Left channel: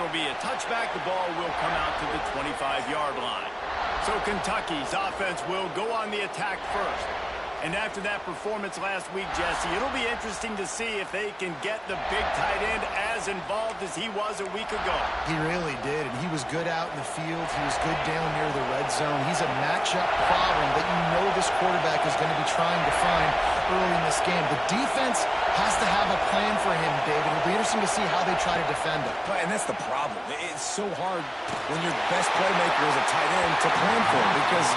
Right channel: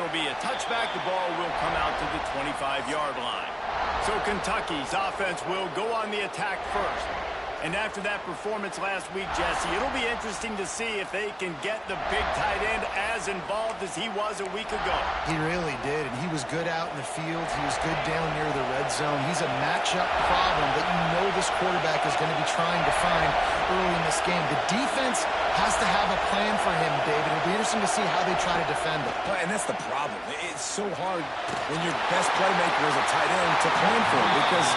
it'll be a touchback. The ball will come out to the 25-yard line. So Kentucky's offense will go on the attack first. And after that performance last week, Jesse, it'll be interesting to see if they can get the big tight end as involved as he was a week ago. He really did, and he was good out in the field. He was good down near the red zone. He's a matchup problem that you know this quarterback is going to be trying to find early in this game. The defense has to have a plan for him, David. It'll be interesting to see how they try to defend him. And that's the problem. It's so hard when your best playmaker is a tight end to plan for him, because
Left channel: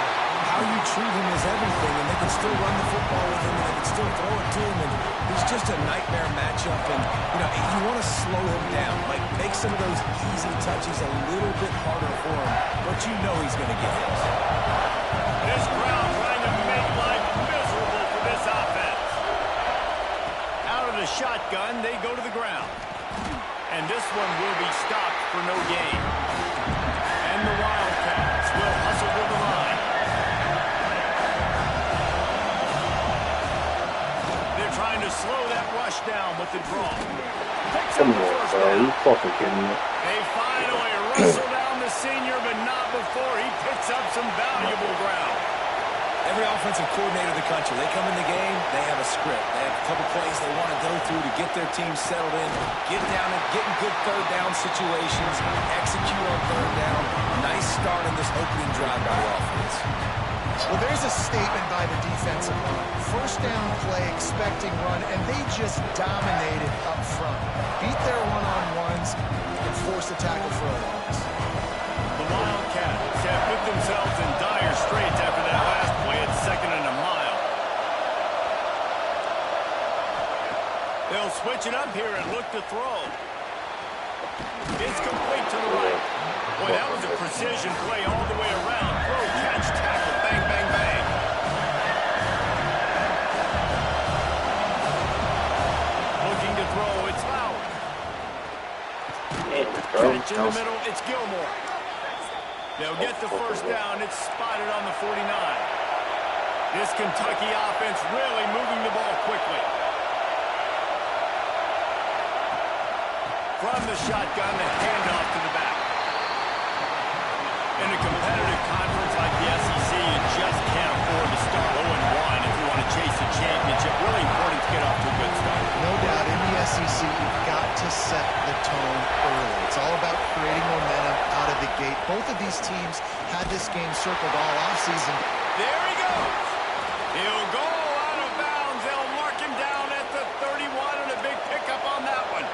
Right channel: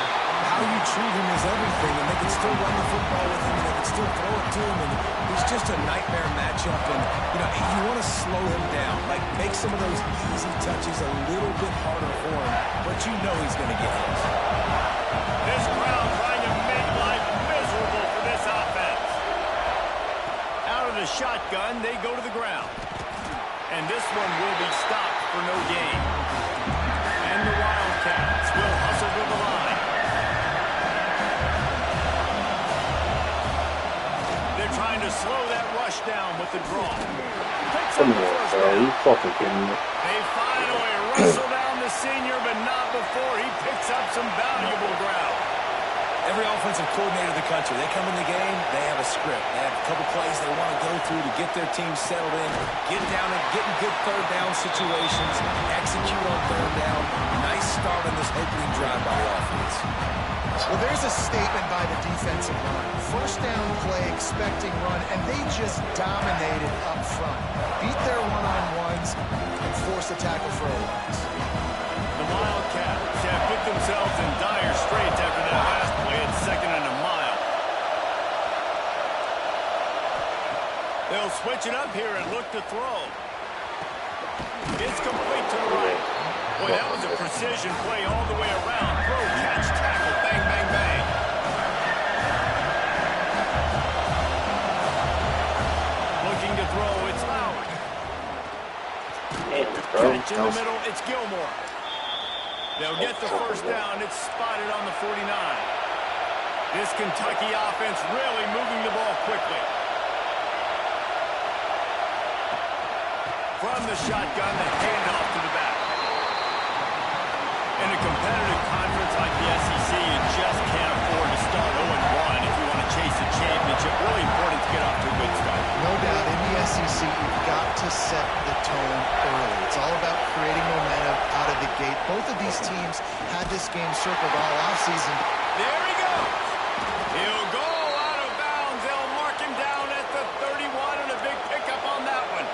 how you treat him is everything, and they can still run the football with him, and they can still throw it to him, and he's just a nightmare matchup. And, you know, you want to slow him down, like make some of those easy touches a little bit harder for him, but you know he's going to get his. This crowd trying to make life miserable for this offense. Out of the shotgun, they go to the ground. And this one will be stopped for no gain. And the Wildcats will hustle to the line. They're trying to slow that rush down with the draw. Picks up the first down. They finally wrestle down the senior, but not before he picks up some valuable ground. Every offensive coordinator in the country, they come in the game, they have a script. They have a couple plays they want to go through to get their team settled in, get down and get in good third down situations, execute on third down. Nice start on this opening drive by the offense. Well, there's a statement by the defensive line. First down play, expecting run, and they just dominated up front. Beat their one-on-ones and forced a tackle for a loss. The Wildcats have put themselves in dire straits after that last play at 2nd and a mile. They'll switch it up here and look to throw. It's complete to the right. Boy, that was a precision play all the way around. Throw, catch, tackle, bang, bang, bang. Looking to throw, it's Lowry. Catch in the middle, it's Gilmore. They'll get the first down. It's spotted on the 49. This Kentucky offense really moving the ball quickly. From the shotgun, the handoff to the back. In a competitive conference like the SEC, you just can't afford to start 0-1 if you want to chase a championship. Really important to get off to a good start. No doubt, in the SEC, you've got to set the tone early. It's all about creating momentum out of the gate. Both of these teams had this game circled all offseason. There he goes. He'll go out of bounds. They'll mark him down at the 31, and a big pickup on that one.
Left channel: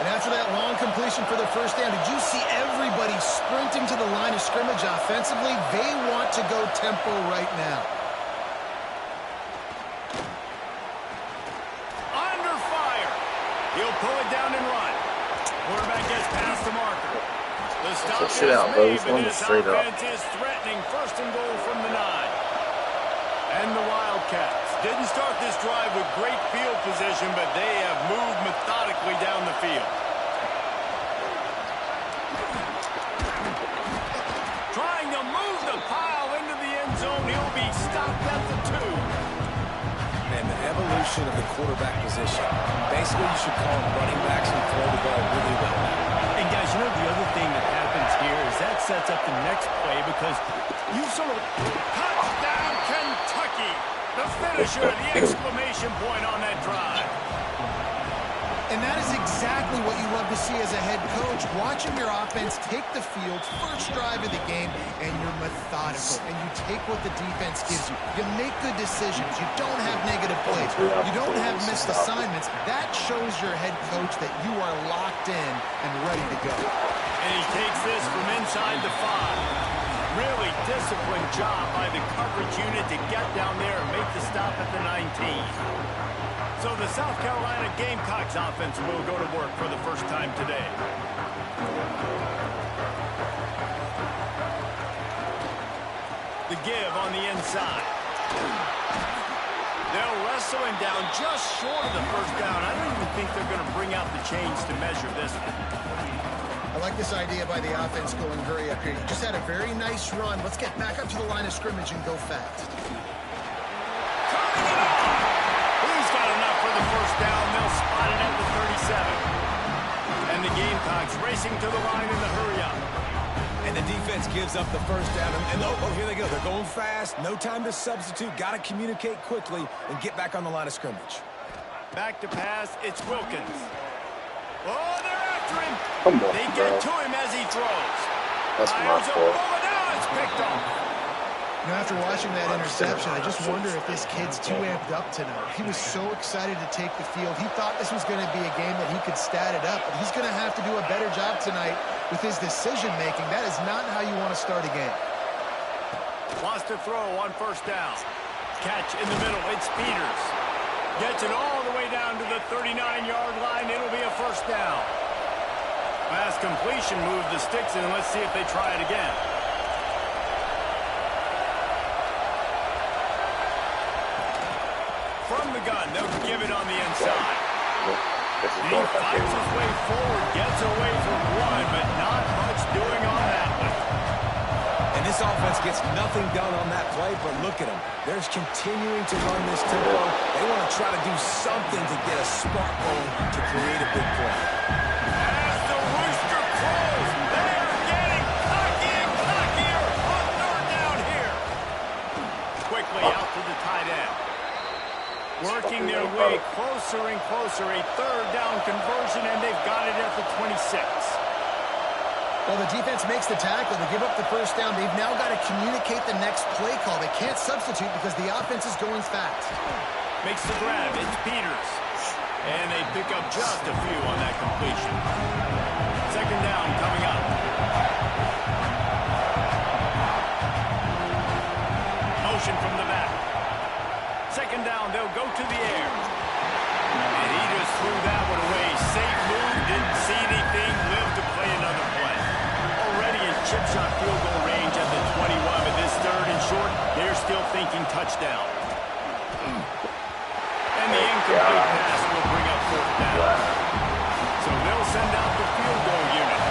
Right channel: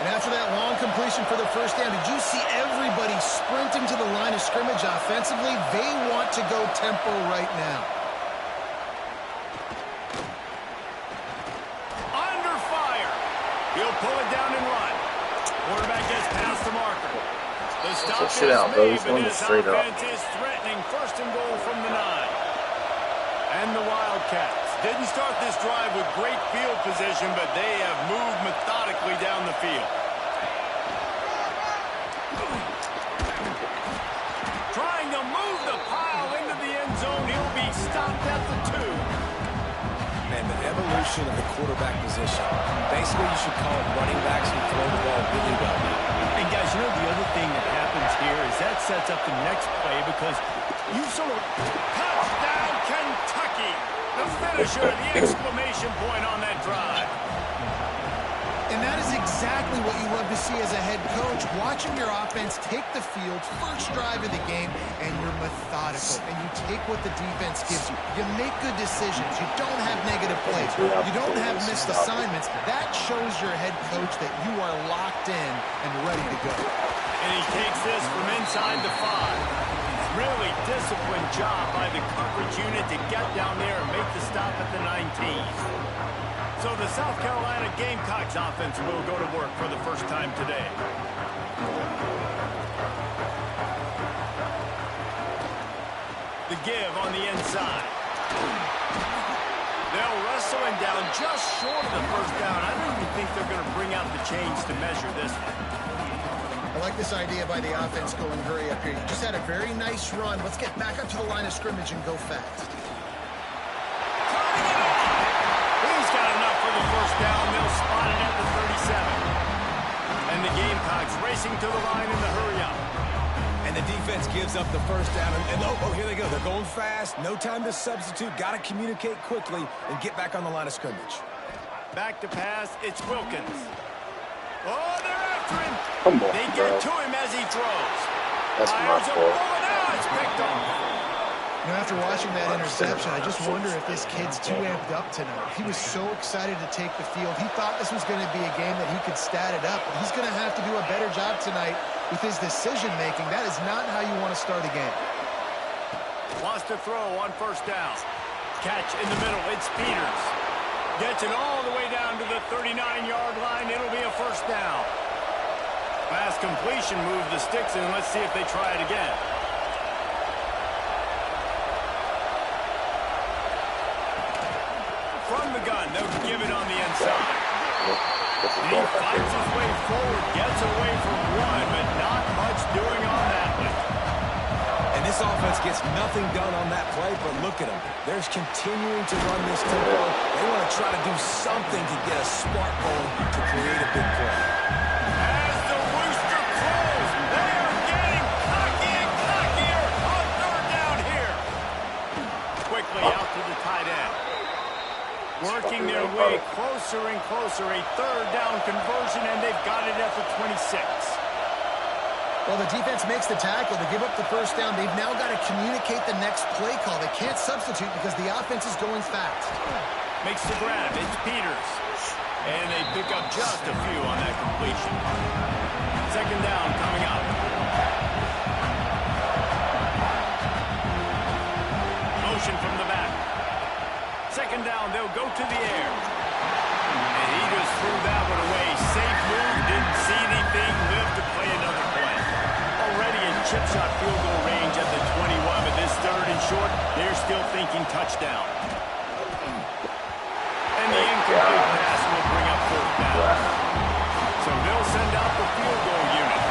And after that long completion for the first down, did you see everybody sprinting to the line of scrimmage offensively? They want to go tempo right now. Under fire. He'll pull it down and run. Quarterback gets past the marker. The stop is made, but this offense is threatening. 1st and goal from the 9. And the Wildcats didn't start this drive with great field position, but they have moved methodically down the field. Trying to move the pile into the end zone. He'll be stopped at the 2. Man, the evolution of the quarterback position. Basically, you should call them running backs who throw the ball really well now. And guys, you know the other thing that happens here is that sets up the next play, because you sort of touchdown Kentucky. The finisher, the exclamation point on that drive. And that is exactly what you love to see as a head coach, watching your offense take the field, first drive of the game, and you're methodical, and you take what the defense gives you. You make good decisions. You don't have negative plays. You don't have missed assignments. That shows your head coach that you are locked in and ready to go. And he takes this from inside the 5. Really disciplined job by the coverage unit to get down there and make the stop at the 19. So the South Carolina Gamecocks offense will go to work for the first time today. The give on the inside. They'll wrestle him down just short of the first down. I don't even think they're going to bring out the chains to measure this one. I like this idea by the offense going hurry up here. You just had a very nice run. Let's get back up to the line of scrimmage and go fast. Turning it on. He's got enough for the first down. They'll spot it at the 37. And the Gamecocks racing to the line in the hurry-up. And the defense gives up the first down. And oh, here they go. They're going fast. No time to substitute. Got to communicate quickly and get back on the line of scrimmage. Back to pass. It's Wilkins. Oh, they're after him. Come on, they get to him as he throws. That's my fault. Now it's picked off. You know, after watching that interception, I just wonder if this kid's too amped up tonight. He was so excited to take the field. He thought this was going to be a game that he could stat it up, but he's going to have to do a better job tonight with his decision-making. That is not how you want to start a game. Wants to throw on first down. Catch in the middle. It's Peters. Gets it all the way down to the 39-yard line. It'll be a first down. Pass completion, move the sticks in. Let's see if they try it again. From the gun, they'll give it on the inside. He fights his way forward, gets away from one, but not much doing on that one. And this offense gets nothing done on that play, but look at them. They're continuing to run this tempo. They want to try to do something to get a spark going to create a big play. As the rooster crows, they are getting cocky and cockier on third down here. Quickly out to the tight end. Working their way closer and closer, a third down conversion, and they've got it at the 26. Well, the defense makes the tackle. They give up the first down. They've now got to communicate the next play call. They can't substitute because the offense is going fast. Makes the grab. It's Peters. And they pick up just a few on that completion. Second down coming up. Motion from the back. Second down, they'll go to the air. And he just threw that one away. Safe move, didn't see anything, lived to play another play. Already in chip shot field goal range at the 21, but this third and short, they're still thinking touchdown. And the incomplete pass will bring up fourth down. So they'll send out the field goal unit.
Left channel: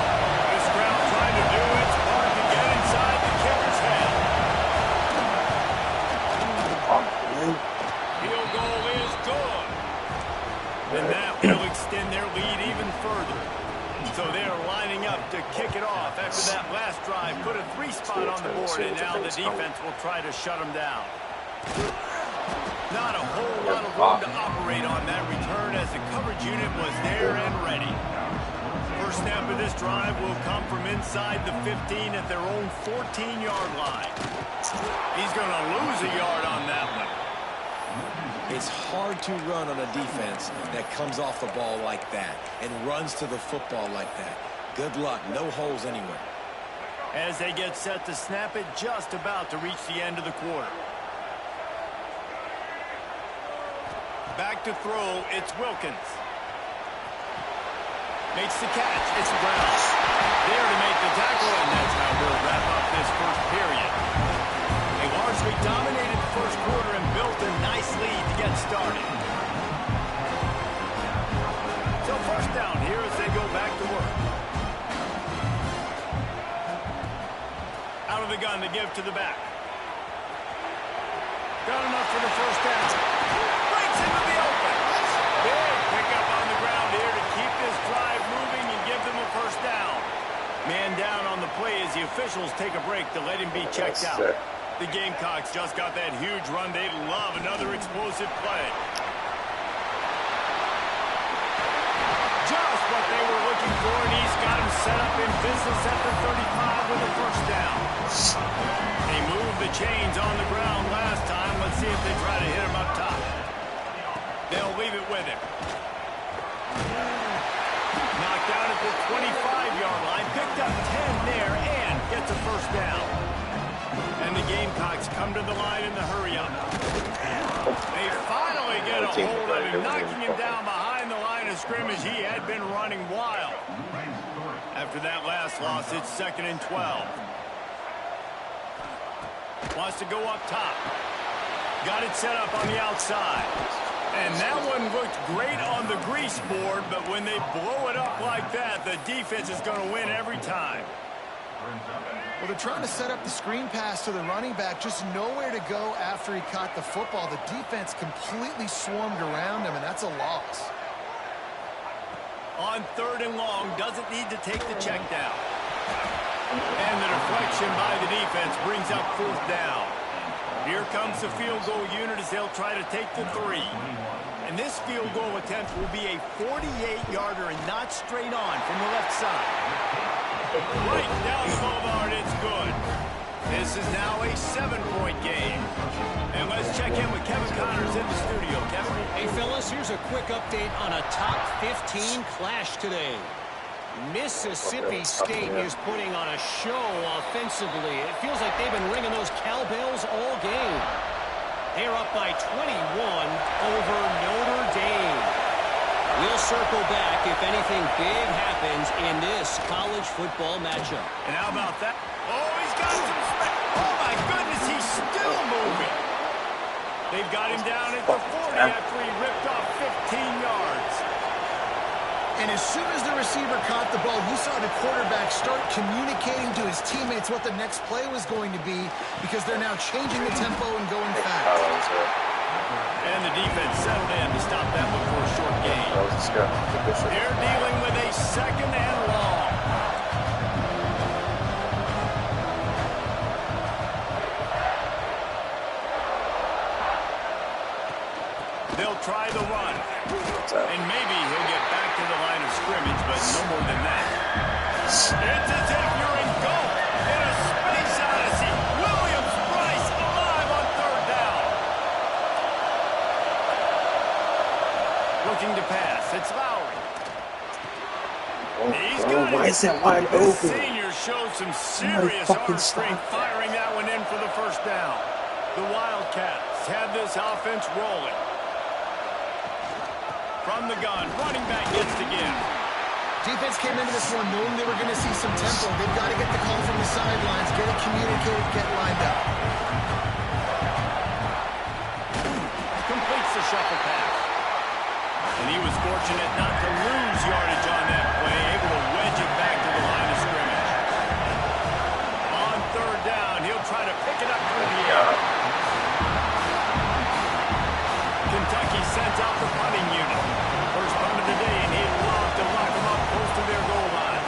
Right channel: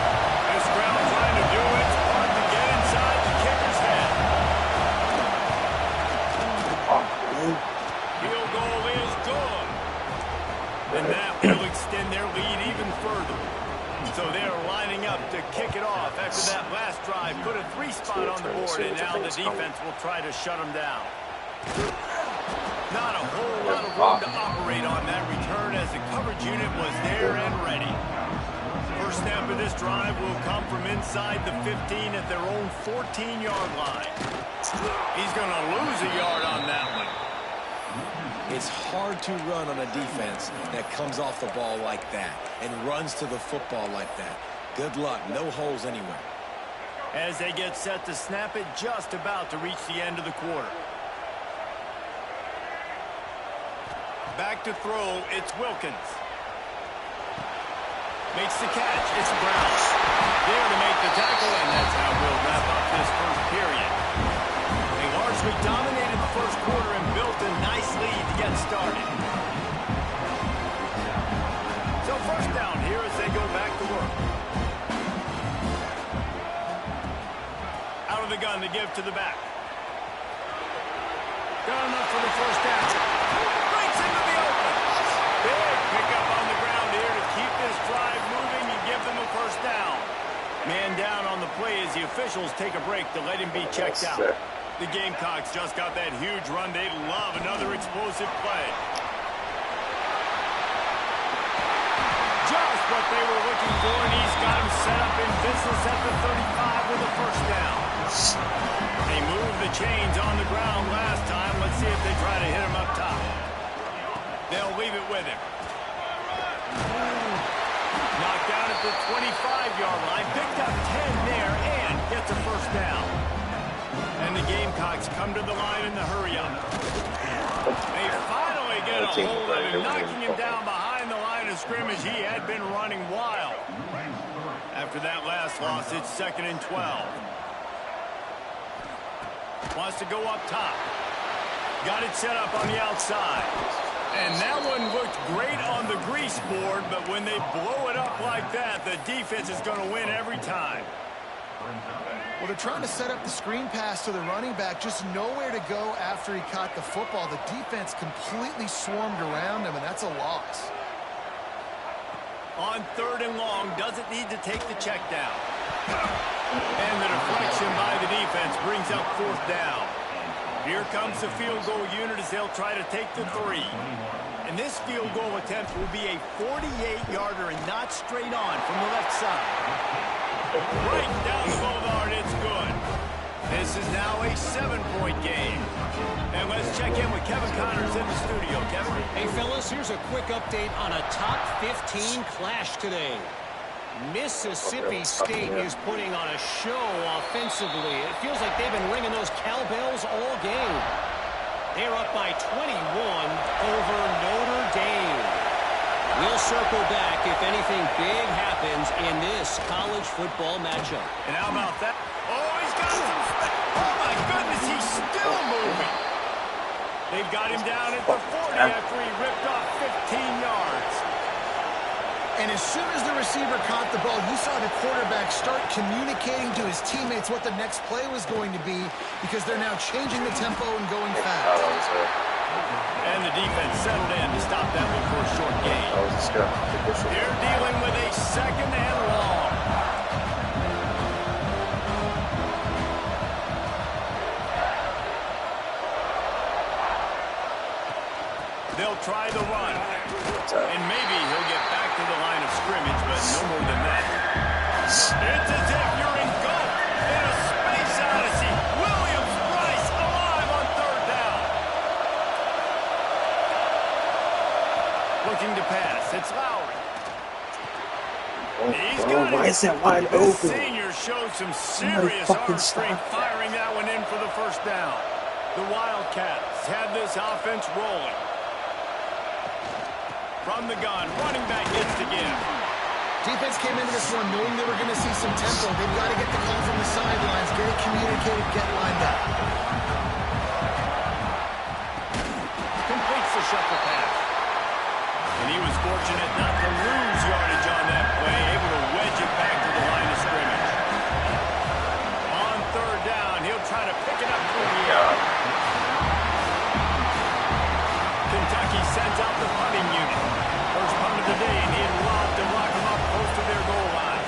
This crowd trying to do its part to get inside the kicker's head. Field goal is good. And that will extend their lead even further. So they're lining up to kick it off after that last drive. Put a 3-spot on the board, and now the defense will try to shut them down. Not a whole lot of room to operate on that return as the coverage unit was there and ready. First snap of this drive will come from inside the 15 at their own 14-yard line. He's going to lose a yard on that one. It's hard to run on a defense that comes off the ball like that and runs to the football like that. Good luck. No holes anywhere. As they get set to snap it, just about to reach the end of the quarter. Back to throw, it's Wilkins. Makes the catch, it's Brown. There to make the tackle, and that's how we'll wrap up this first period. They largely dominated the first quarter and built a nice lead to get started. So first down here as they go back to work. Out of the gun to give to the back. Got enough for the first down. Breaks into the open. Big pickup on the ground here to keep this drive moving and give them a first down. Man down on the play as the officials take a break to let him be checked out. The Gamecocks just got that huge run. They love another explosive play. Just what they were looking for, and he's got him set up in business at the 35 with a first down. They moved the chains on the ground last time. Let's see if they try to hit him up top. They'll leave it with him. Knocked down at the 25-yard line. Picked up 10 there and gets a first down. And the Gamecocks come to the line in the hurry-up. They finally get a hold of him, knocking him down behind the line of scrimmage. He had been running wild. After that last loss, it's 2nd and 12. Wants to go up top. Got it set up on the outside. And that one looked great on the grease board, but when they blow it up like that, the defense is going to win every time. Well, they're trying to set up the screen pass to the running back, just nowhere to go after he caught the football. The defense completely swarmed around him, and that's a loss. On 3rd and long, doesn't need to take the check down. And the deflection by the defense brings up 4th down. Here comes the field goal unit as they'll try to take the 3. And this field goal attempt will be a 48-yarder and not straight on from the left side. Right down the boulevard, it's good. This is now a 7-point game. And let's check in with Kevin Connors in the studio. Kevin? Hey, fellas, here's a quick update on a top 15 clash today. Mississippi State is putting on a show offensively. It feels like they've been ringing those cowbells all game. They're up by 21 over Notre Dame. We'll circle back if anything big happens in this college football matchup. And how about that? Oh, he's got some space. Oh, my goodness, he's still moving. They've got him down at the 40 after he ripped off 15 yards. And as soon as the receiver caught the ball, you saw the quarterback start communicating to his teammates what the next play was going to be because they're now changing the tempo and going fast. And the defense settled in to stop that one for a short gain. They're dealing with a 2nd and long. They'll try the run. And maybe he'll get back to the line of scrimmage, but no more than that. It's as if you're engulfed in a space odyssey. Williams-Brice alive on 3rd down. Looking to pass. It's Lowry. He's got why is that wide open? open? The senior showed some serious arm strength firing that one in for the 1st down. The Wildcats have this offense rolling. From the gun, running back gets to give. Defense came into this one knowing they were going to see some tempo. They've got to get the call from the sidelines, get it communicated, get lined up. Completes the shuffle pass. And he was fortunate not to lose yardage on that play, able to wedge it back to the line of scrimmage. On 3rd down, he'll try to pick it up through the air. Kentucky sends out the punting unit. First punt of the day, and he'd love to lock them up close to their goal line.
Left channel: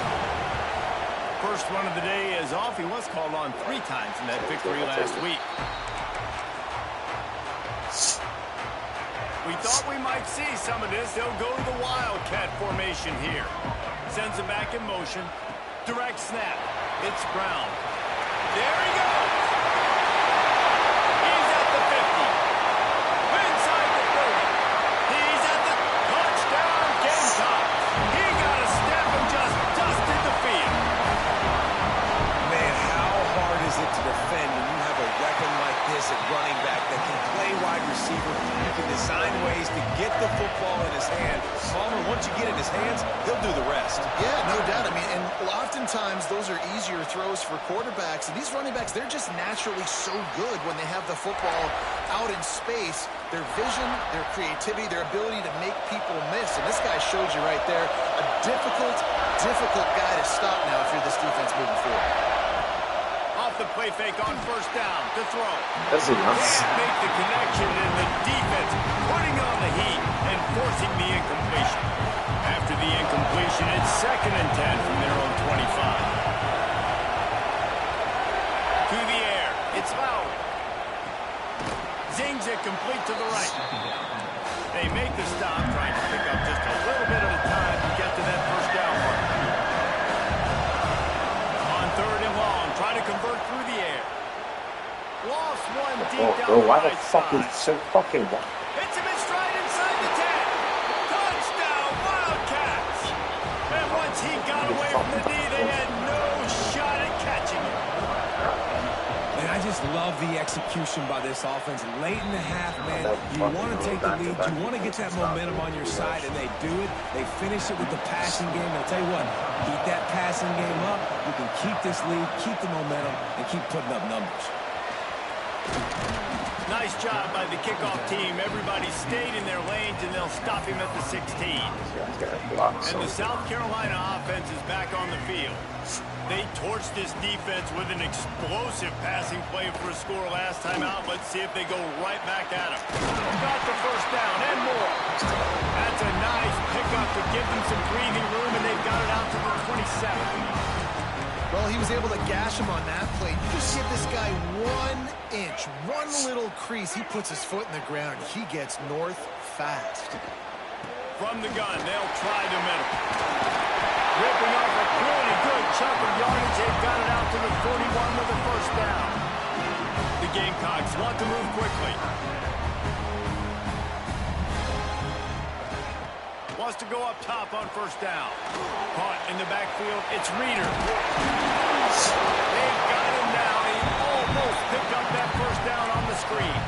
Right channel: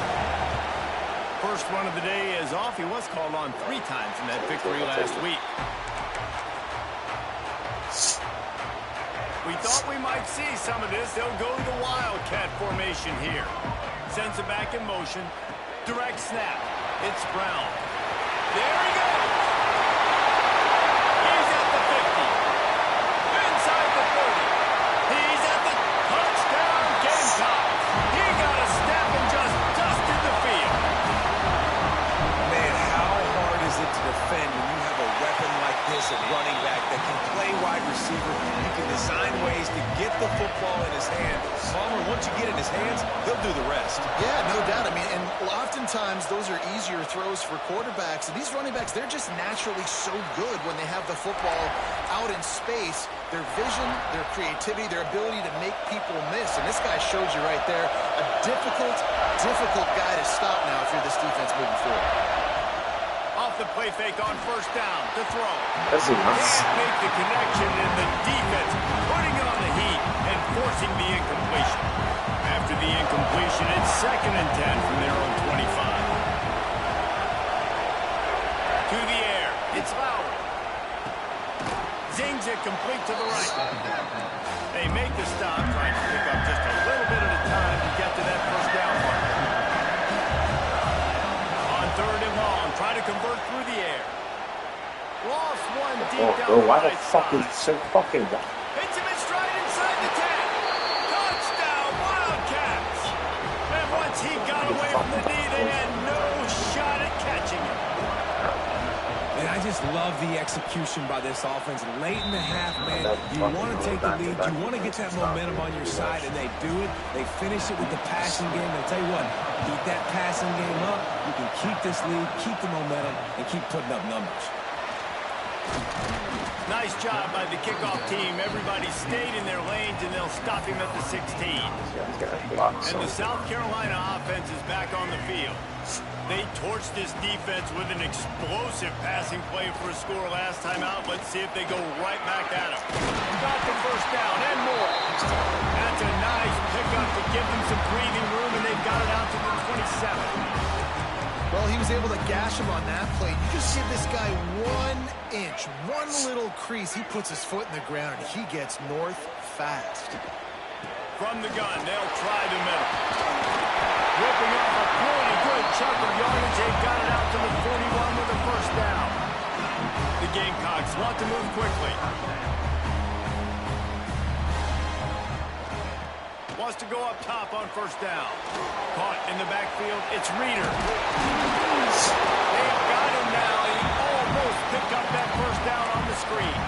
First one of the day is off. He was called on 3 times in that victory last week. We thought we might see some of this. They'll go to the Wildcat formation here. Sends it back in motion. Direct snap. It's Brown. There he goes. He's at the 50. Inside the 30. He's at the touchdown Gamecocks. He got a step and just dusted the field. Man, how hard is it to defend when you have a weapon like this at running back that can play wide receiver? You can design ways to get the football in his hand. Palmer, once you get it in his hands, he'll do the rest. Yeah, no doubt. I mean, and oftentimes those are easier throws for quarterbacks. And these running backs, they're just naturally so good when they have the football out in space. Their vision, their creativity, their ability to make people miss. And this guy showed you right there a difficult guy to stop now if you're this defense moving forward. Off the play fake on 1st down to throw. That's nuts. Can't make the connection, and the defense putting on the heat and forcing the incompletion. After the incompletion, it's 2nd and 10 from their own 25. To the air, it's Lowry. Zings it complete to the right. They make the stop, trying to pick up just a little bit at a time to get to that 1st down marker. On 3rd and long, try to convert through the air. Lost one deep down the why the right fuck is side. it so fucking wide? Hits him in stride inside the 10. Touchdown, Wildcats. And once he got away from the knee, they had no shot at catching him. And I just love the execution by this offense. Late in the half, man, you want to take the lead. You want to get that momentum on your side, and they do it. They finish it with the passing game. I'll tell you what, keep that passing game up. You can keep this lead, keep the momentum, and keep putting up numbers. Nice job by the kickoff team. Everybody stayed in their lanes, and they'll stop him at the 16. And the South Carolina offense is back on the field. They torched this defense with an explosive passing play for a score last time out. Let's see if they go right back at him. Got the first down and more. That's a nice pickup to give them some breathing room, and they've got it out to the 27. Well, he was able to gash him on that play. You just give this guy 1 inch, one little crease. He puts his foot in the ground, and he gets north fast. From the gun, they'll try the middle. Ripping off a pretty good chunk of yardage. They've got it out to the 41 with a first down. The Gamecocks want to move quickly. Wants to go up top on first down. Caught in the backfield. It's Reeder. They've got him now. He almost picked up that first down on the screen.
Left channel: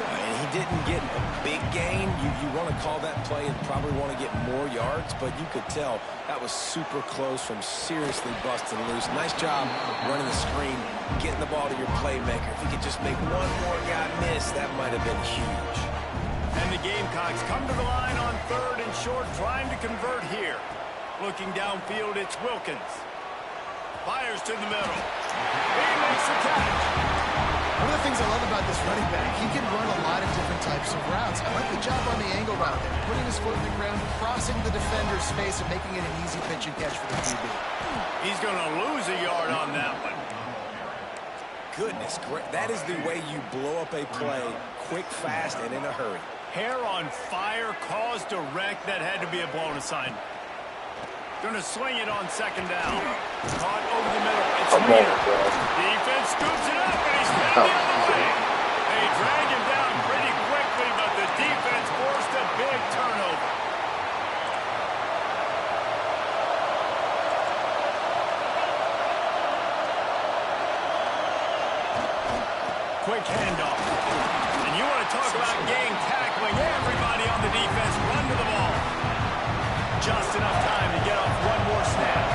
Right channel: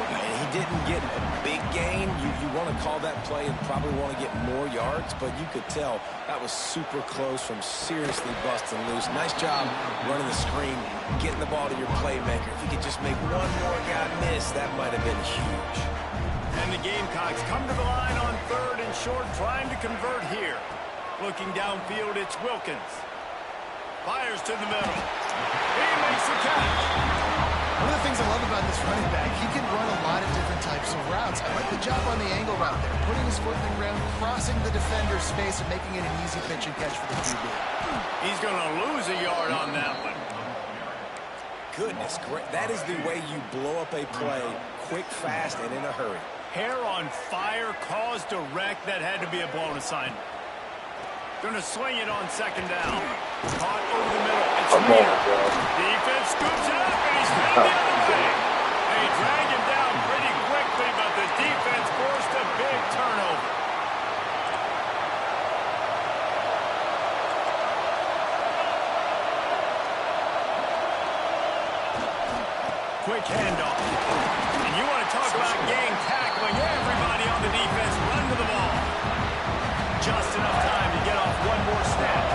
And he didn't get a big gain. You want to call that play and probably want to get more yards, but you could tell that was super close from seriously busting loose. Nice job running the screen, getting the ball to your playmaker. If you could just make one more guy miss, that might have been huge. And the Gamecocks come to the line on 3rd and short, trying to convert here. Looking downfield, it's Wilkins. Fires to the middle. He makes the catch. One of the things I love about this running back, he can run a lot of different types of routes. I like the job on the angle route there, putting his foot in the ground, crossing the defender's space, and making it an easy pitch and catch for the QB. He's going to lose a yard on that one. Goodness, great. That is the way you blow up a play, quick, fast, and in a hurry. Hair on fire, cause direct. That had to be a blown assignment. Gonna swing it on 2nd down. Caught over the middle. It's Reeder. Defense scoops it up, and he's headed the other way. They drag him down pretty quickly, but the defense forced a big turnover. Quick handoff. And you want to talk about game tackling. Everybody on the defense run to the ball. Just enough time to get off one more snap.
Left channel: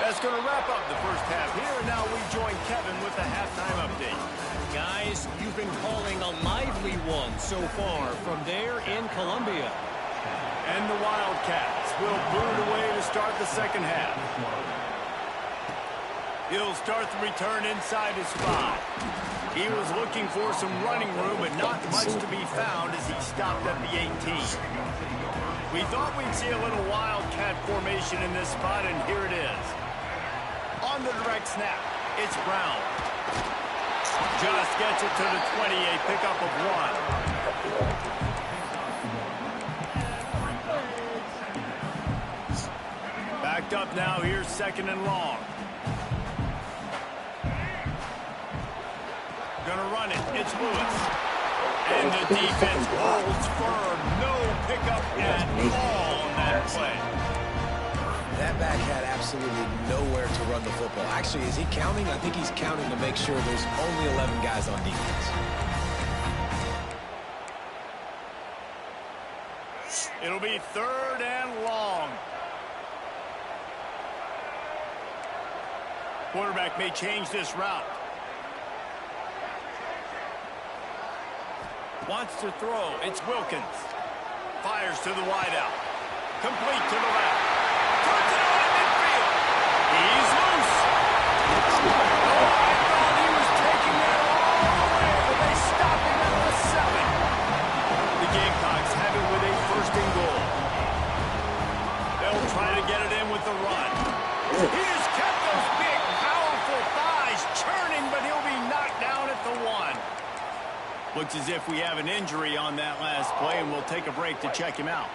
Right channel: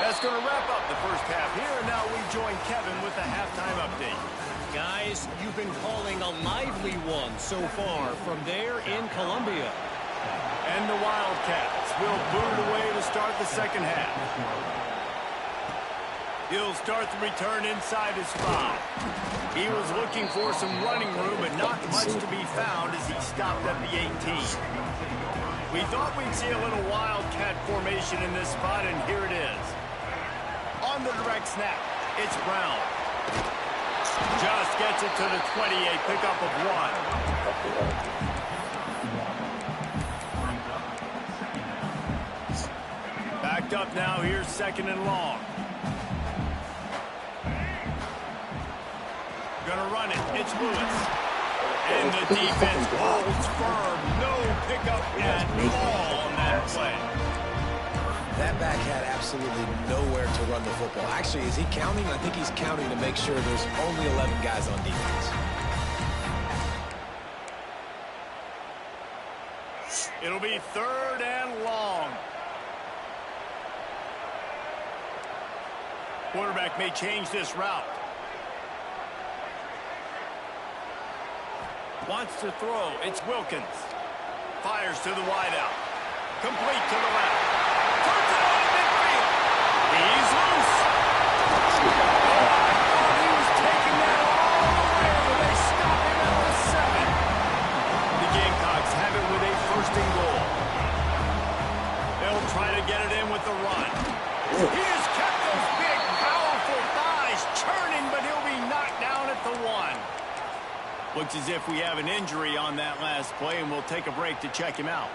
That's going to wrap up the first half here, and now we join Kevin with the halftime update. Guys, you've been calling a lively one so far from there in Columbia. And the Wildcats will boot it away to start the second half. He'll start the return inside his 5. He was looking for some running room, but not much to be found as he stopped at the 18. We thought we'd see a little Wildcat formation in this spot, and here it is. On the direct snap, it's Brown. Just gets it to the 28, pickup of 1. Backed up now, here's 2nd and long. Gonna run it. It's Lewis. And the defense holds firm. No pickup at all on that play. That back had absolutely nowhere to run the football. Actually, is he counting? I think he's counting to make sure there's only 11 guys on defense. It'll be 3rd and long. Quarterback may change this route. Wants to throw. It's Wilkins. Fires to the wideout. Complete to the left. Turns it on in midfield. He's loose. Oh, I thought he was taking that all the way, but they stop him at the 7. The Gamecocks have it with a 1st and goal. They'll try to get it in with the run. He has kept those big, powerful thighs churning, but he'll be knocked down at the 1. Looks as if we have an injury on that last play, and we'll take a break to check him out.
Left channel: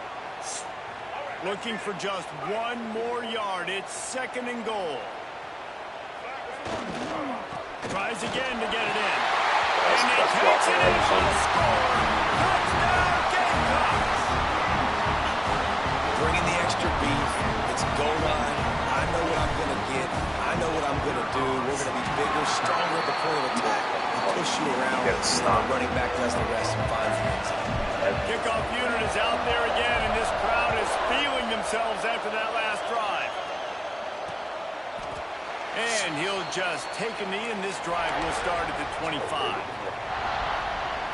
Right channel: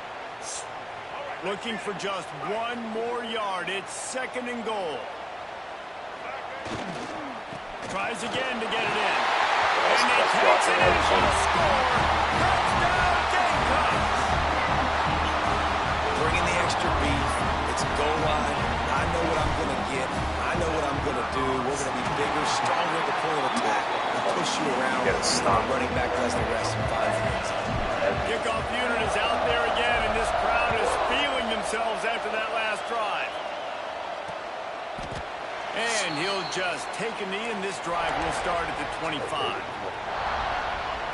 Looking for just 1 more yard. It's 2nd and goal. Tries again to get it in. And he takes it in for the score. Touchdown, Gamecocks! Bringing the extra beef. It's goal line. I know what I'm going to get. I know what I'm going to do. We're going to be bigger, stronger at the point of attack. Push you around. Running back does the rest and finds the end zone. Kickoff unit is out there again, and this crowd is feeling themselves after that last drive. And he'll just take a knee, and this drive will start at the 25.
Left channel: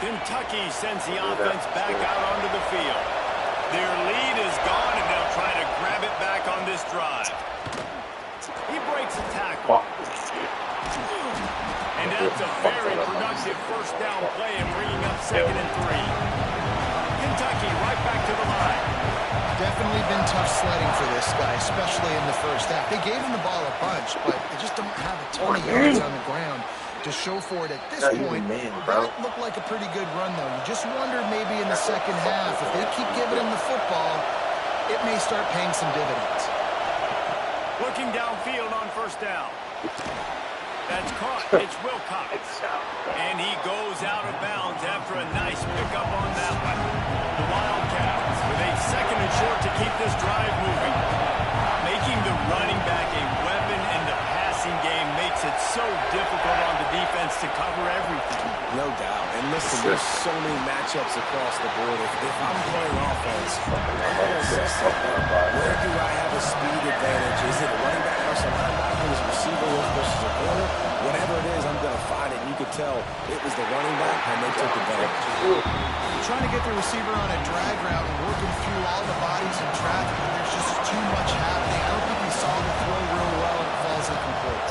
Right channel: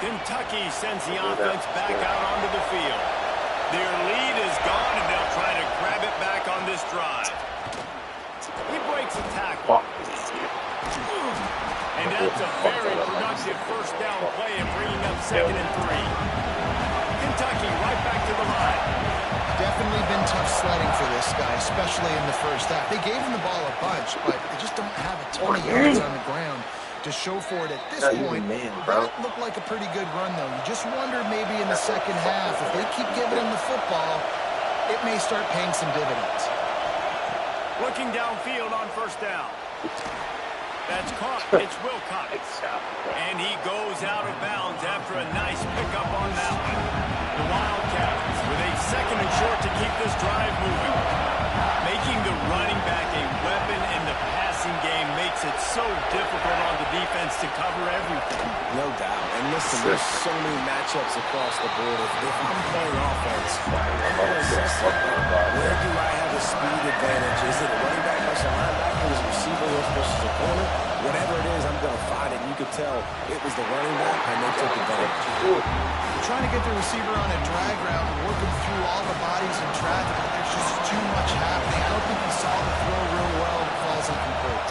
Kentucky sends the offense back out onto the field. Their lead is gone, and they'll try to grab it back on this drive. He breaks a tackle. And that's a very productive first down play and bringing up 2nd and 3. Kentucky right back to the line. Definitely been tough sledding for this guy, especially in the first half. They gave him the ball a bunch, but they just don't have a ton of yards on the ground to show for it at this point. That looked like a pretty good run, though. You just wonder maybe in the second half, if they keep giving him the football, it may start paying some dividends. Looking downfield on first down. That's caught. It's Wilcox. And he goes out of bounds after a nice pickup on that one. The Wildcats with a 2nd and short to keep this drive moving. Making the running back a weapon in the passing game makes it so difficult on the defense to cover everything. No doubt. And listen, there's so many matchups across the board. If I'm playing offense, I'm going to assess it. Where do I have a speed advantage? Is it a running back versus a linebacker? Is it a receiver versus a corner? Whatever it is, I'm going to find it. And you could tell it was the running back, and they took advantage. Trying to get the receiver on a drag route and work him through all the bodies in traffic, but there's just too much happening. I don't think he saw the throw real well, and it falls incomplete.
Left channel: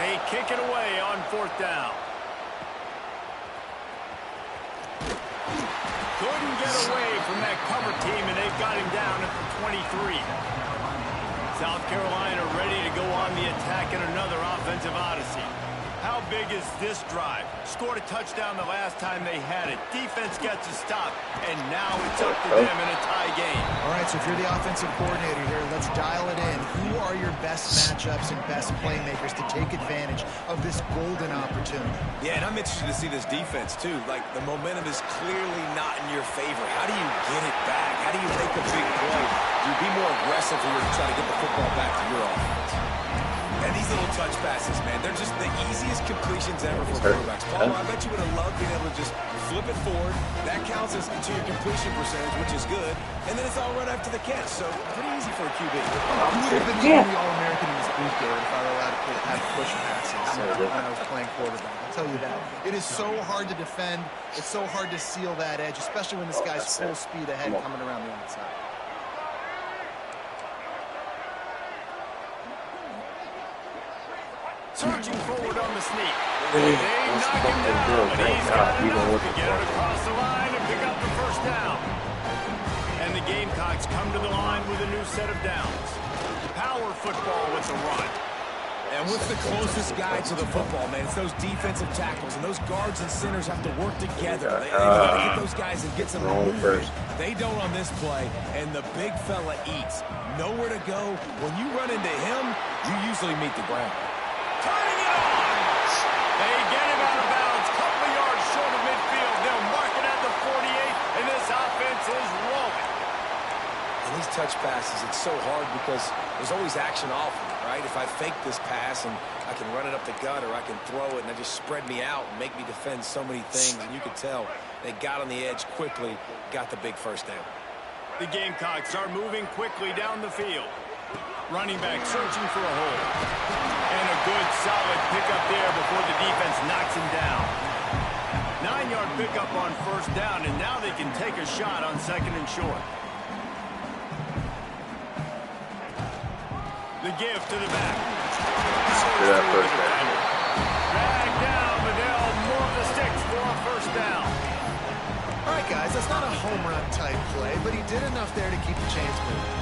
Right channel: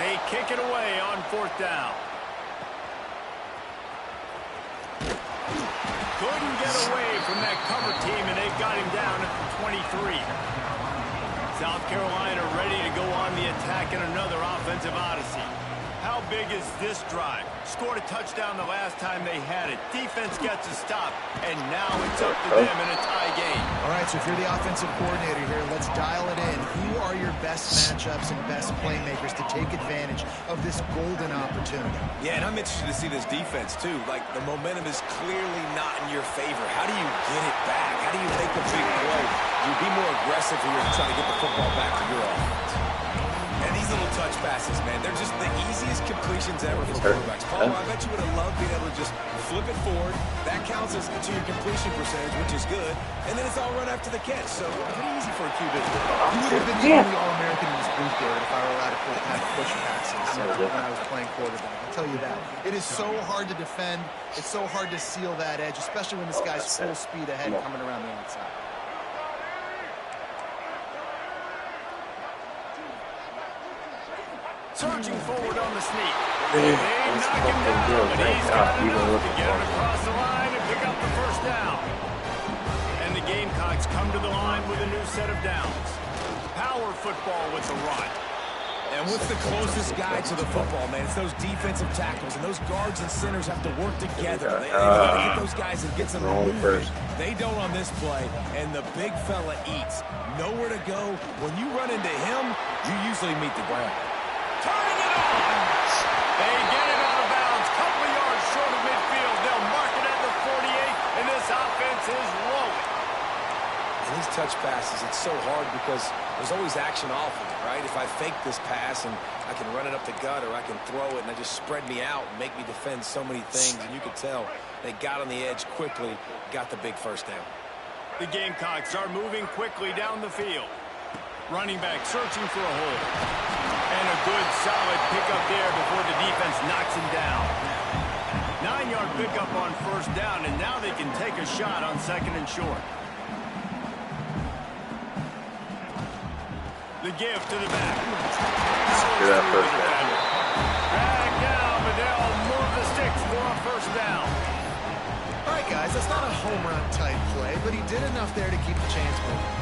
They kick it away on 4th down. Couldn't get away from that cover team, and they've got him down at the 23. South Carolina ready to go on the attack in another offensive odyssey. How big is this drive? Scored a touchdown the last time they had it. Defense gets a stop, and now it's up to them in a tie game. All right, so if you're the offensive coordinator here, let's dial it in. Who are your best matchups and best playmakers to take advantage of this golden opportunity? Yeah, and I'm interested to see this defense, too. Like, the momentum is clearly not in your favor. How do you get it back? How do you make a big play? Do you be more aggressive here to try to get the football back to your offense? And these little touch passes, man, they're just the easiest completions ever for quarterbacks. Paul, I bet you would have loved being able to just flip it forward. That counts as to your completion percentage, which is good. And then it's all run after the catch, so pretty easy for a QB. You would have been the only All-American in this booth, David, if I were allowed to have push passes when I was playing quarterback. I'll tell you that. It is so hard to defend. It's so hard to seal that edge, especially when this guy's full speed ahead coming around the outside. Surging forward on the sneak. They knock him down, but he's got enough to get it across the line and pick up the first down. And the Gamecocks come to the line with a new set of downs. Power football with the run. And what's the closest guy to the football, man? It's those defensive tackles, and those guards and centers have to work together. They got to get those guys and get some movement. They don't on this play, and the big fella eats. Nowhere to go. When you run into him, you usually meet the ground. Turning it on. They get him out of bounds. Couple of yards short of midfield. They'll mark it at the 48, and this offense is rolling. And these touch passes, it's so hard because there's always action off of it, right? If I fake this pass and I can run it up the gut or I can throw it and I just spread me out and make me defend so many things, and you could tell they got on the edge quickly, got the big first down. The Gamecocks are moving quickly down the field. Running back searching for a hole. And a good, solid pickup there before the defense knocks him down. 9-yard pickup on first down, and now they can take a shot on 2nd and short. The give to the back. Dragged down, but they'll move the sticks for a first down. All right, guys, that's not a home run type play, but he did enough there to keep the chains moving.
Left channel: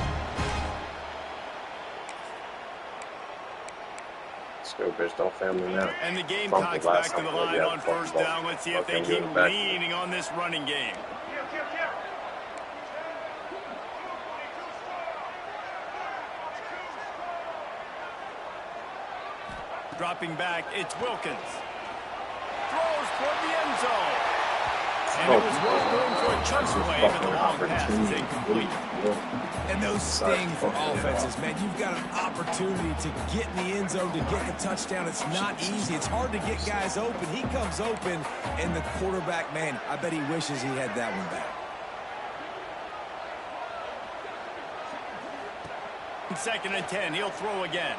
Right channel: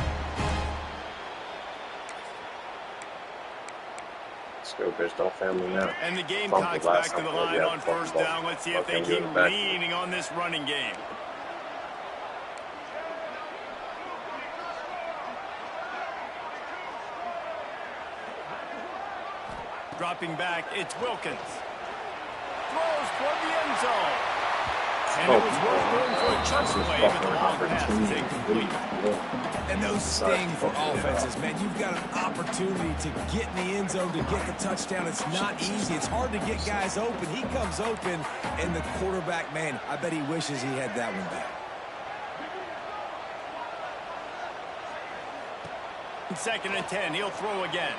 And the Gamecocks back to the line on first down. Let's see if they keep leaning on this running game. Dropping back, it's Wilkins. Throws toward the end zone. And it was worth going for a chunk play, but the long pass is incomplete. And those sting for offenses, man. You've got an opportunity to get in the end zone, to get the touchdown. It's not easy. It's hard to get guys open. He comes open, and the quarterback, man, I bet he wishes he had that one back. 2nd and 10, he'll throw again.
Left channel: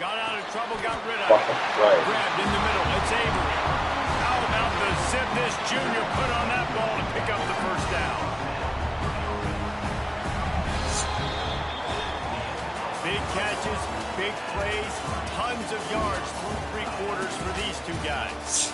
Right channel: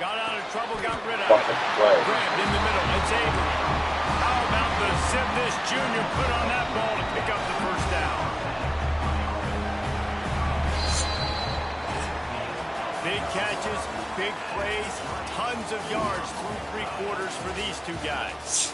Got out of trouble, got rid of it. Grabbed in the middle. It's Avery. How about the zip this junior put on that ball to pick up the first down? Big catches, big plays, tons of yards through 3 quarters for these two guys.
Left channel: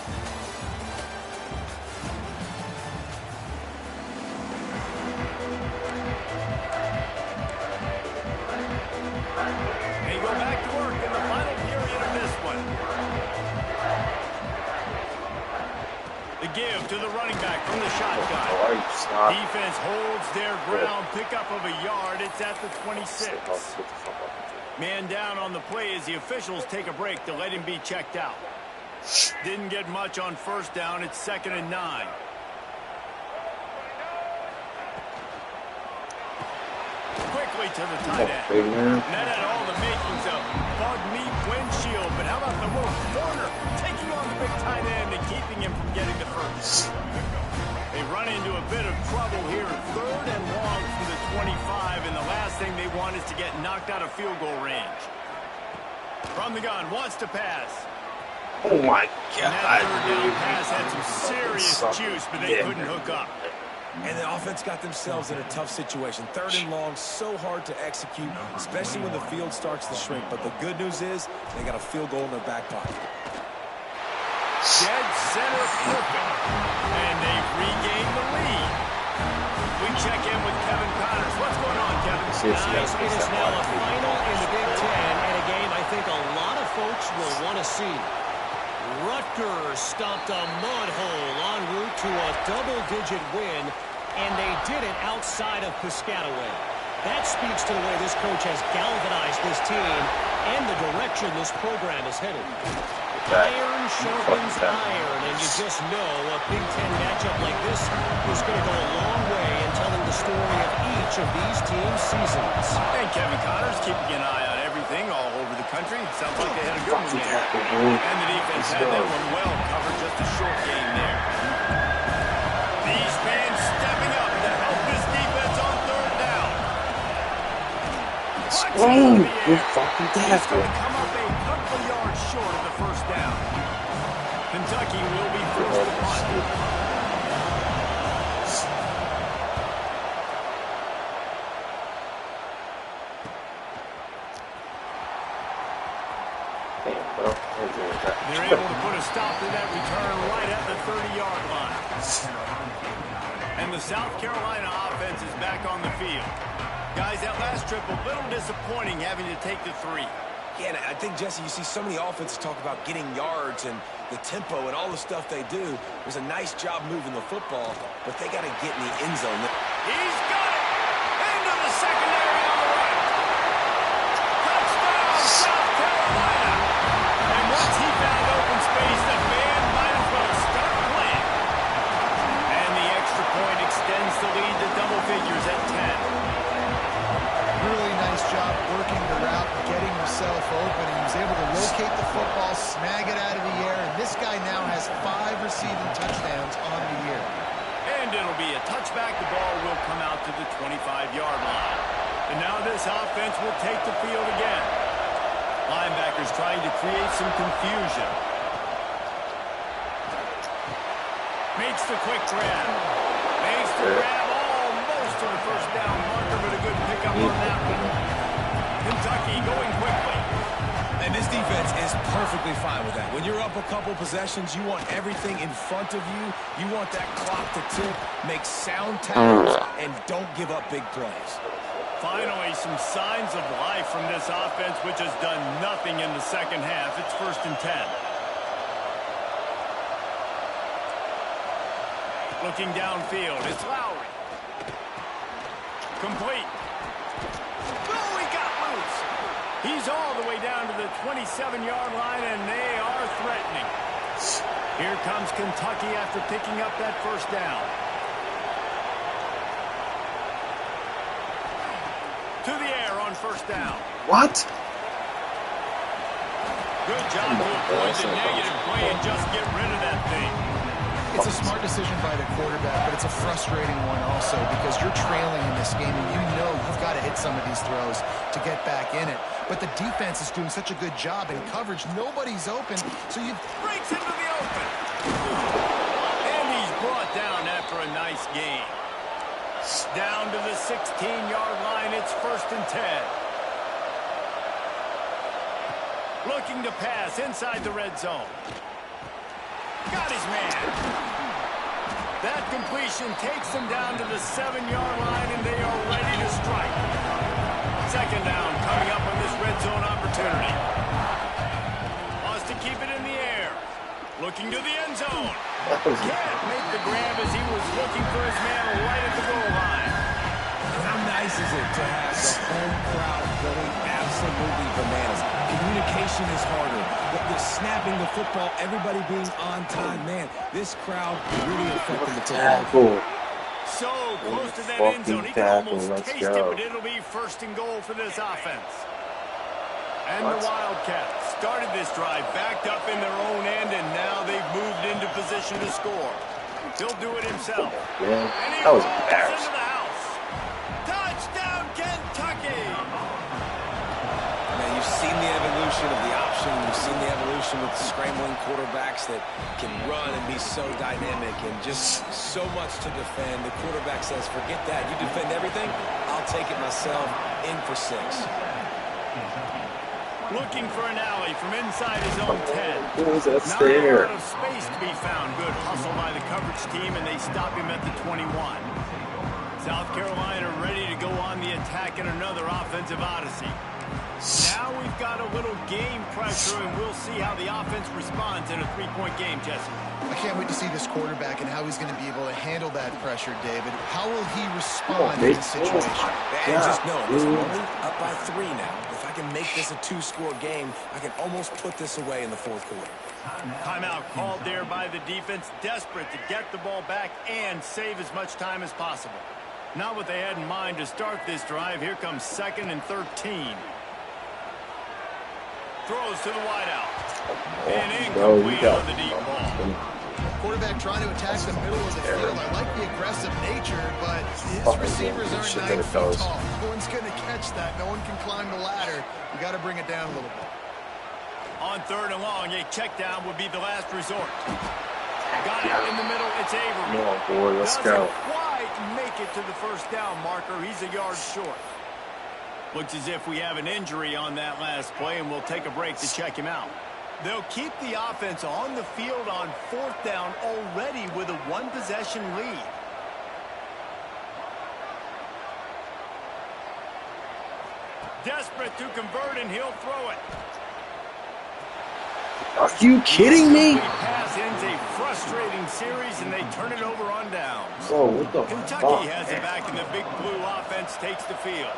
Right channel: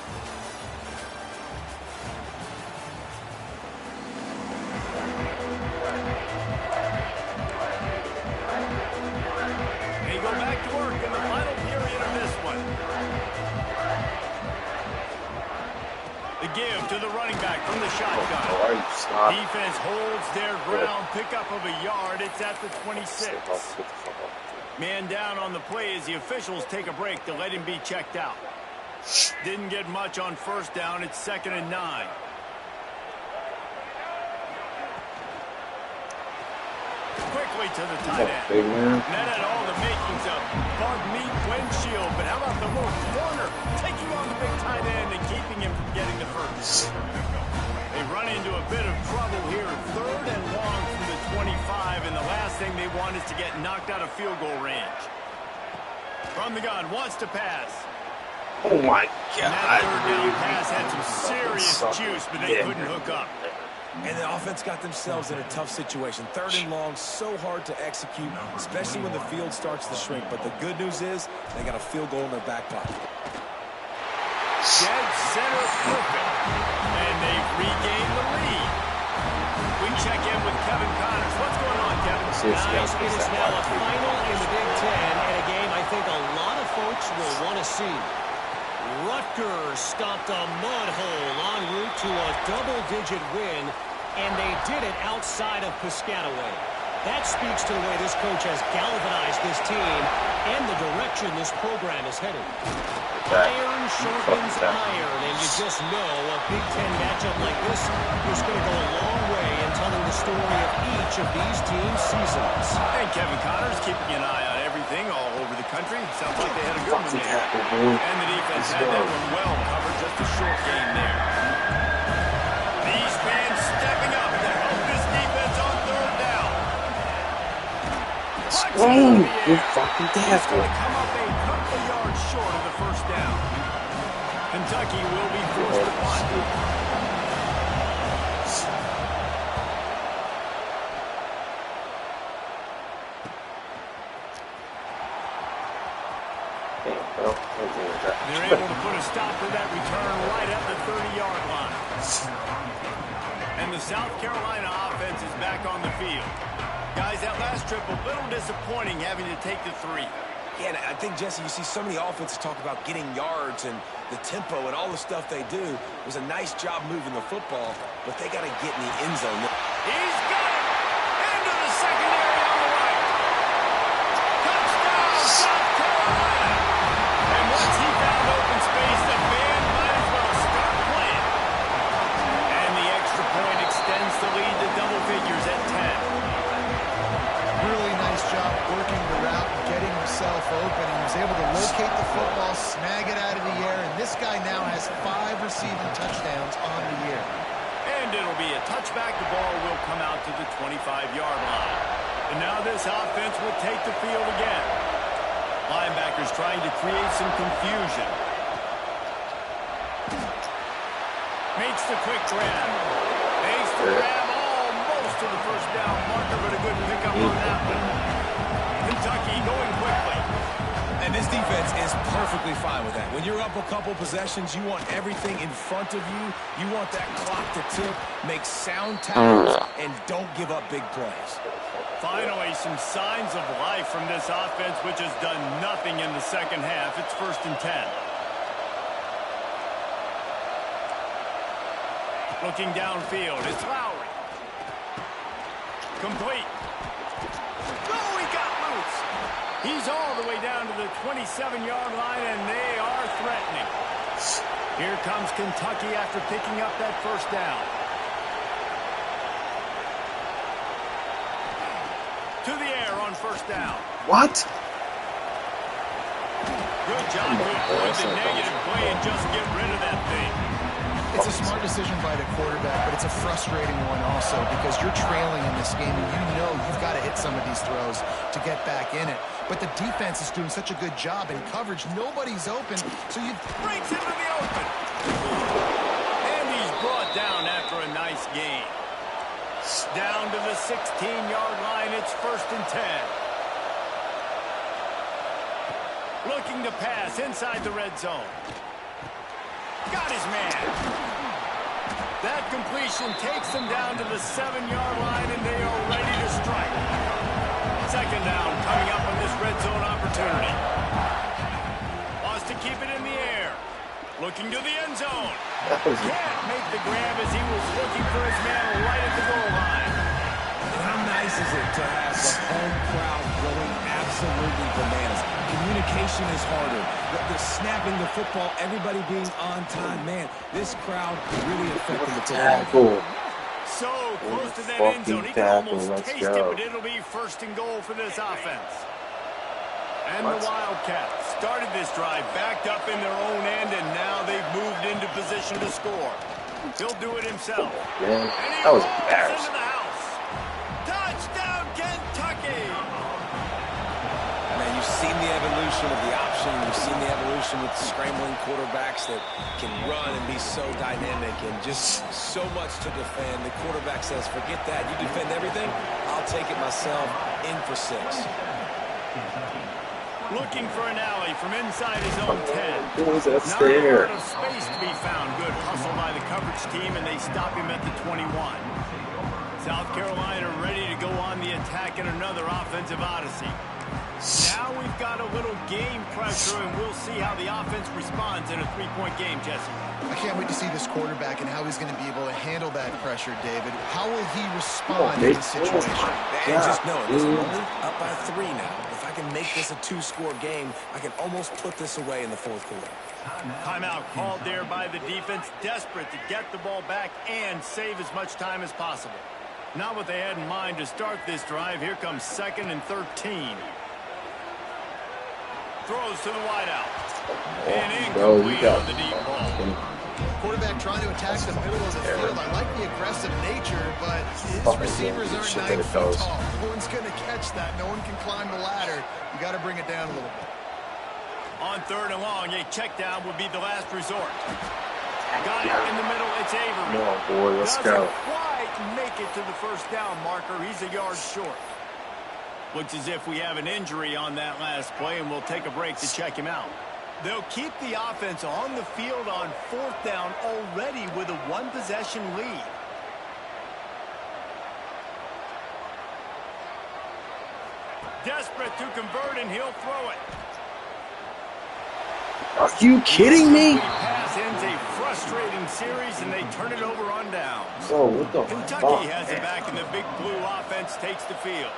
They go back to work in the final period of this one. The give to the running back from the shotgun. Defense holds their ground. Pickup of a yard. It's at the 26. Man down on the play as the officials take a break to let him be checked out. Didn't get much on first down. It's 2nd and 9. Quickly to the tight end. That had all the makings of bug meat windshield, but how about the little corner taking on the big tight end and keeping him from getting the first? They run into a bit of trouble here. 3rd and long from the 25, and the last thing they want is to get knocked out of field goal range. From the gun, wants to pass. Oh my God. And that 3rd down pass had some serious juice, but they couldn't hook up. And the offense got themselves in a tough situation. 3rd and long, so hard to execute, especially when the field starts to shrink. But the good news is they got a field goal in their back pocket. Dead center perfect. And they've regained the lead. We check in with Kevin Connors. What's going on, Kevin? Guys, it is now a final in the Big Ten, and a game I think a lot of folks will want to see. Rutgers stopped a mud hole en route to a double-digit win, and they did it outside of Piscataway. That speaks to the way this coach has galvanized this team and the direction this program is headed. Iron sharpens iron, and you just know a Big Ten matchup like this is going to go a long way in telling the story of each of these teams' seasons. And Kevin Connors keeping an eye on everything all over the country. Sounds like they had a good one there. And the defense had that one well covered. Just a short game there. These fans stepping up to help this defense on 3rd down. You fucking He's going to come up a couple of yards short of the first down. Kentucky will be forced to punt. They're able to put a stop to that return right at the 30-yard line. And the South Carolina offense is back on the field. Guys, that last trip a little disappointing having to take the 3. Yeah, and I think, Jesse, you see so many offenses talk about getting yards and the tempo and all the stuff they do. It was a nice job moving the football, but they got to get in the end zone. He's got it! Into the secondary on the right. Touchdown, South Carolina! And once he found open space, the band might as well start playing. And the extra point extends the lead to double figures at 10. Really nice job working the route, getting himself open. He was able to locate the football, snag it out of the air, and this guy now has 5 receiving touchdowns on the year. And it'll be a touchback. The ball will come out to the 25-yard line. And now this offense will take the field again. Linebackers trying to create some confusion. Makes the quick grab. Makes the grab almost to the first down marker, but a good pickup on that one. Kentucky going quickly. And this defense is perfectly fine with that. When you're up a couple possessions, you want everything in front of you. You want that clock to tick, make sound tackles, and don't give up big plays. Finally, some signs of life from this offense, which has done nothing in the second half. It's 1st and 10. Looking downfield, it's Lowry. Complete. Oh, he got loose. He's all the way down to the 27-yard line, and they are threatening. Here comes Kentucky after picking up that first down. To the air on first down. What? Good job to avoid the negative play and just get rid of that thing. It's a smart decision by the quarterback, but it's a frustrating one also because you're trailing in this game and you know you've got to hit some of these throws to get back in it. But the defense is doing such a good job in coverage. Nobody's open, so you breaks into the open. And he's brought down after a nice game. Down to the 16-yard line, it's 1st and 10. Looking to pass inside the red zone. Got his man. That completion takes them down to the 7-yard line, and they are ready to strike. 2nd down coming up on this red zone opportunity. Wants to keep it in the air. Looking to the end zone. Can't make the grab as he was looking for his man right at the goal line. And how nice is it to have the home crowd going absolutely bananas? Communication is harder. The snapping the football, everybody being on time. Man, this crowd really affected the tackle. So close to that end zone. He can almost taste it, but it'll be 1st and goal for this offense. And the Wildcats started this drive backed up in their own end, and now they've moved into position to score. He'll do it himself. Man, and he that was rolls embarrassing. into the house. Touchdown, Kentucky! Man, you've seen the evolution of the option. You've seen the evolution with scrambling quarterbacks that can run and be so dynamic and just so much to defend. The quarterback says, forget that. You defend everything, I'll take it myself. In for 6. Looking for an alley from inside his own 10. Who's that Not a there? lot of space to be found. Good hustle by the coverage team, and they stop him at the 21. South Carolina ready to go on the attack in another offensive odyssey. Now we've got a little game pressure, and we'll see how the offense responds in a 3-point game, Jesse. I can't wait to see this quarterback and how he's going to be able to handle that pressure, David. How will he respond in this situation? And just know, listen, I'm only up by 3 now. If I can make this a 2-score game, I can almost put this away in the 4th quarter. Timeout called there by the defense, desperate to get the ball back and save as much time as possible. Not what they had in mind to start this drive. Here comes 2nd and 13. Throws to the wideout. And incomplete on the deep ball. Quarterback trying to attack the middle of the field. I like the aggressive nature, but his receivers aren't 9 feet tall. No one's going to catch that. No one can climb the ladder. You got to bring it down a little bit. On 3rd and long, a check down would be the last resort. Got it in the middle. It's Avery. Come on, boy, let's go. Doesn't quite make it to the 1st down marker. He's a yard short. Looks as if we have an injury on that last play, and we'll take a break to check him out. They'll keep the offense on the field on 4th down already with a 1-possession lead. Desperate to convert, and he'll throw it. Are you kidding me? Pass ends a frustrating series, and they turn it over on downs. Bro, what the Kentucky fuck? has it back, and the big blue offense takes the field.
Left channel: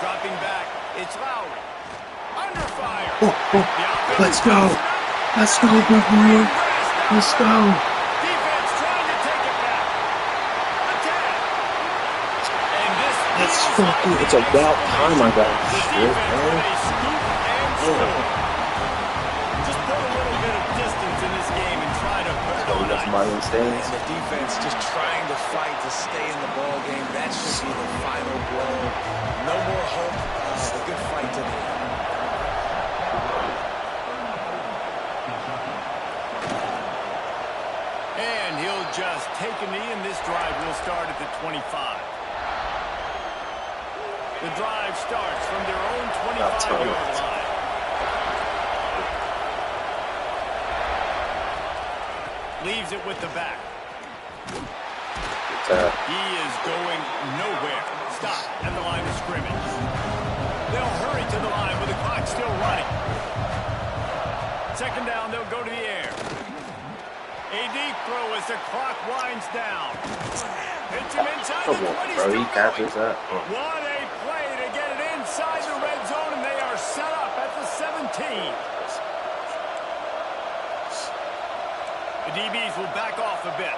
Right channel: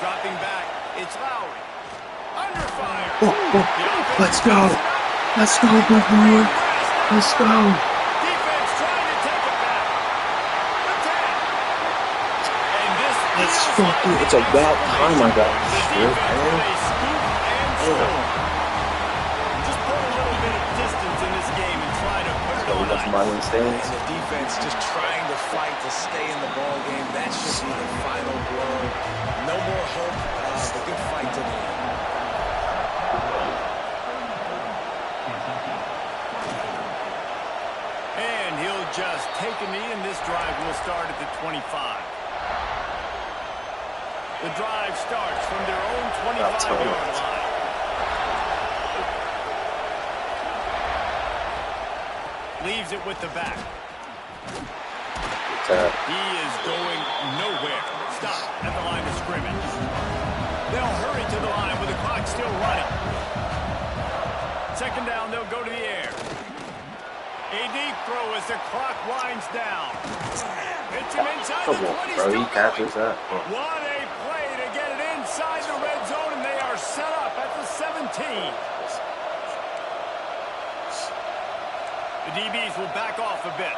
Dropping back, it's Lowry. Under fire. Let's go. Let's go, big boy. Let's go. Defense trying to take it back. The 10. And this Let's fucking, it's about time I got the this shit, defense with man. a scoop and score. Just put a little bit of distance in this game and try to put it on That's ice. my instance. And the defense just trying to fight to stay in the ball game. That should be the final blow. No more hope, but good fight to the end. And he'll just take a knee, and this drive will start at the 25. The drive starts from their own 25-yard line. Leaves it with the back. He is going nowhere. Stop at the line of scrimmage. They'll hurry to the line with the clock still running. 2nd down, they'll go to the air. A deep throw as the clock winds down. Hits him inside the 20. Bro, he catches that. What a play to get it inside the red zone, and they are set up at the 17. The DBs will back off a bit.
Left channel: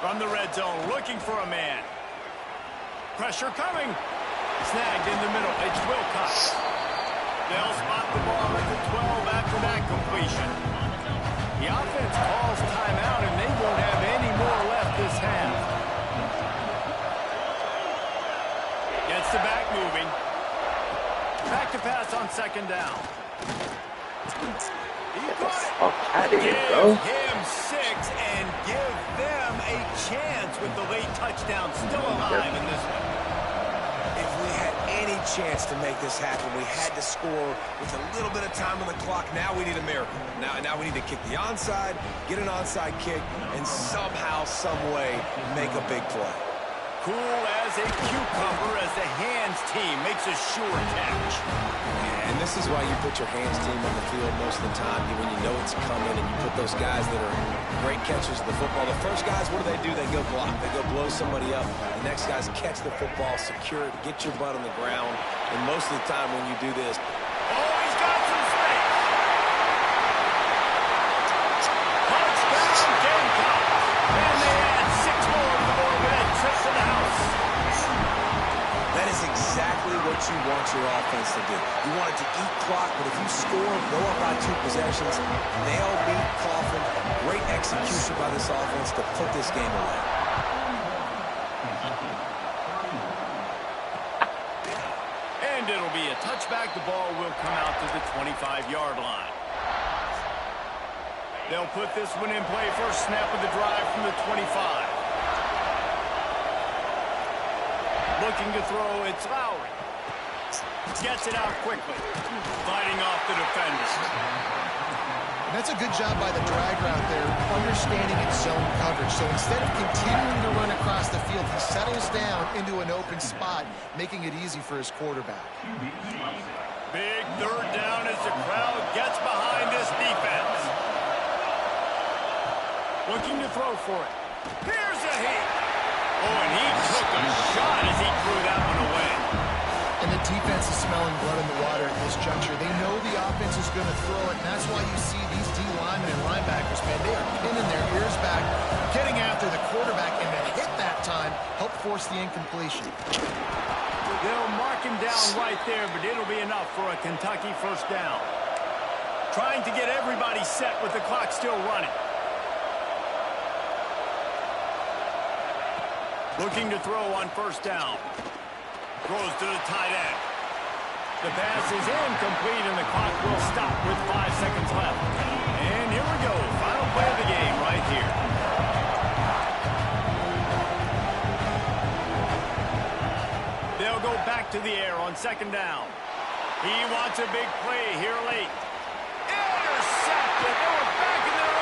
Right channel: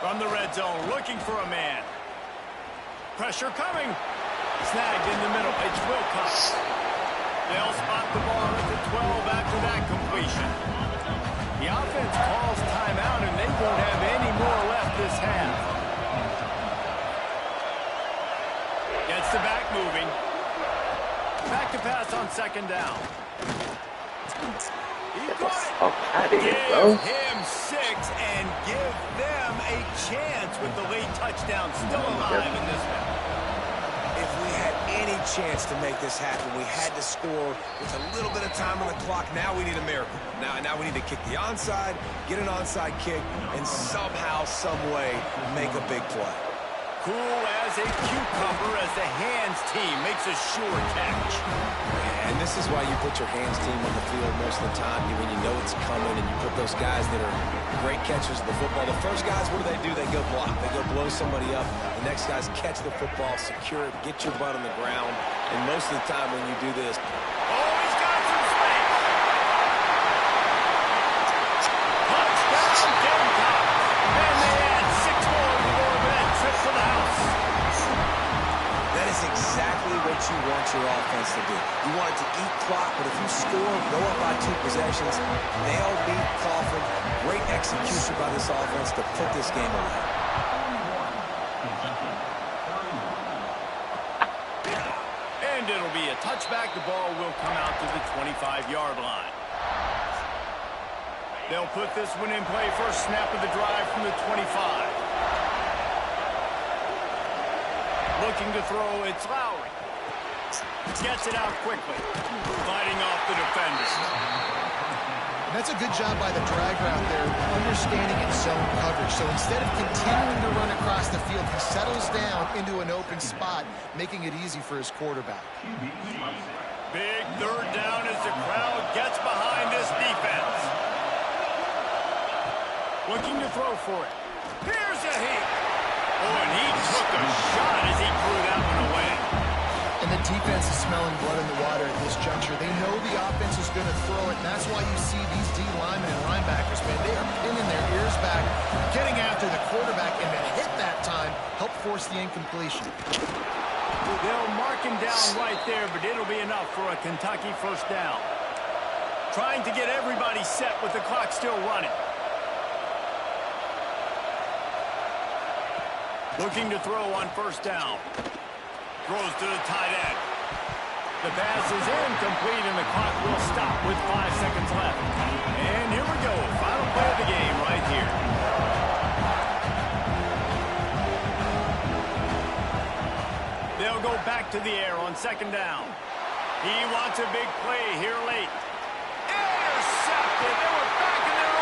From the red zone, looking for a man. Pressure coming. Snagged in the middle. It's Wilcox. They'll spot the ball at the 12 after that completion. The offense calls timeout, and they won't have any more left this half. Gets the back moving. Back to pass on second down. Get the fuck out of here, bro. Give him 6 and give them a chance with the late touchdown still alive in this one. If we had any chance to make this happen, we had to score with a little bit of time on the clock. Now we need a miracle. Now we need to kick the onside, get an onside kick, and somehow, some way, make a big play. Cool as a cucumber as the hands team makes a sure catch. And this is why you put your hands team on the field most of the time when you know it's coming, and you put those guys that are great catchers of the football. The first guys, what do? They go block. They go blow somebody up. The next guys catch the football, secure it, get your butt on the ground. And most of the time when you do this... Oh, he's got some space. Touchdown Gamecocks. And they add 6 more to the board with that trip to the house. That is exactly what you want your offense to do. You want it to eat clock, but if you score, go up by 2 possessions, nail, beat, coffin. Great execution by this offense to put this game away. And it'll be a touchback. The ball will come out to the 25-yard line. They'll put this one in play. First snap of the drive from the 25. Looking to throw, it's Lowry. Gets it out quickly. Fighting off the defender. And that's a good job by the drag route there, understanding its zone coverage. So instead of continuing to run across the field, he settles down into an open spot, making it easy for his quarterback. Big third down as the crowd gets behind this defense. Looking to throw for it. Here's a heat. Oh, and he took a shot as he threw that one away. And the defense is smelling blood in the water at this juncture. They know the offense is going to throw it, and that's why you see these D linemen and linebackers, man, they are pinning their ears back, getting after the quarterback, and that hit that time helped force the incompletion. They'll mark him down right there, but it'll be enough for a Kentucky first down. Trying to get everybody set with the clock still running. Looking to throw on first down. Throws to the tight end. The pass is incomplete, and the clock will stop with 5 seconds left. And here we go. Final play of the game right here. They'll go back to the air on second down. He wants a big play here late. Intercepted. They were back in their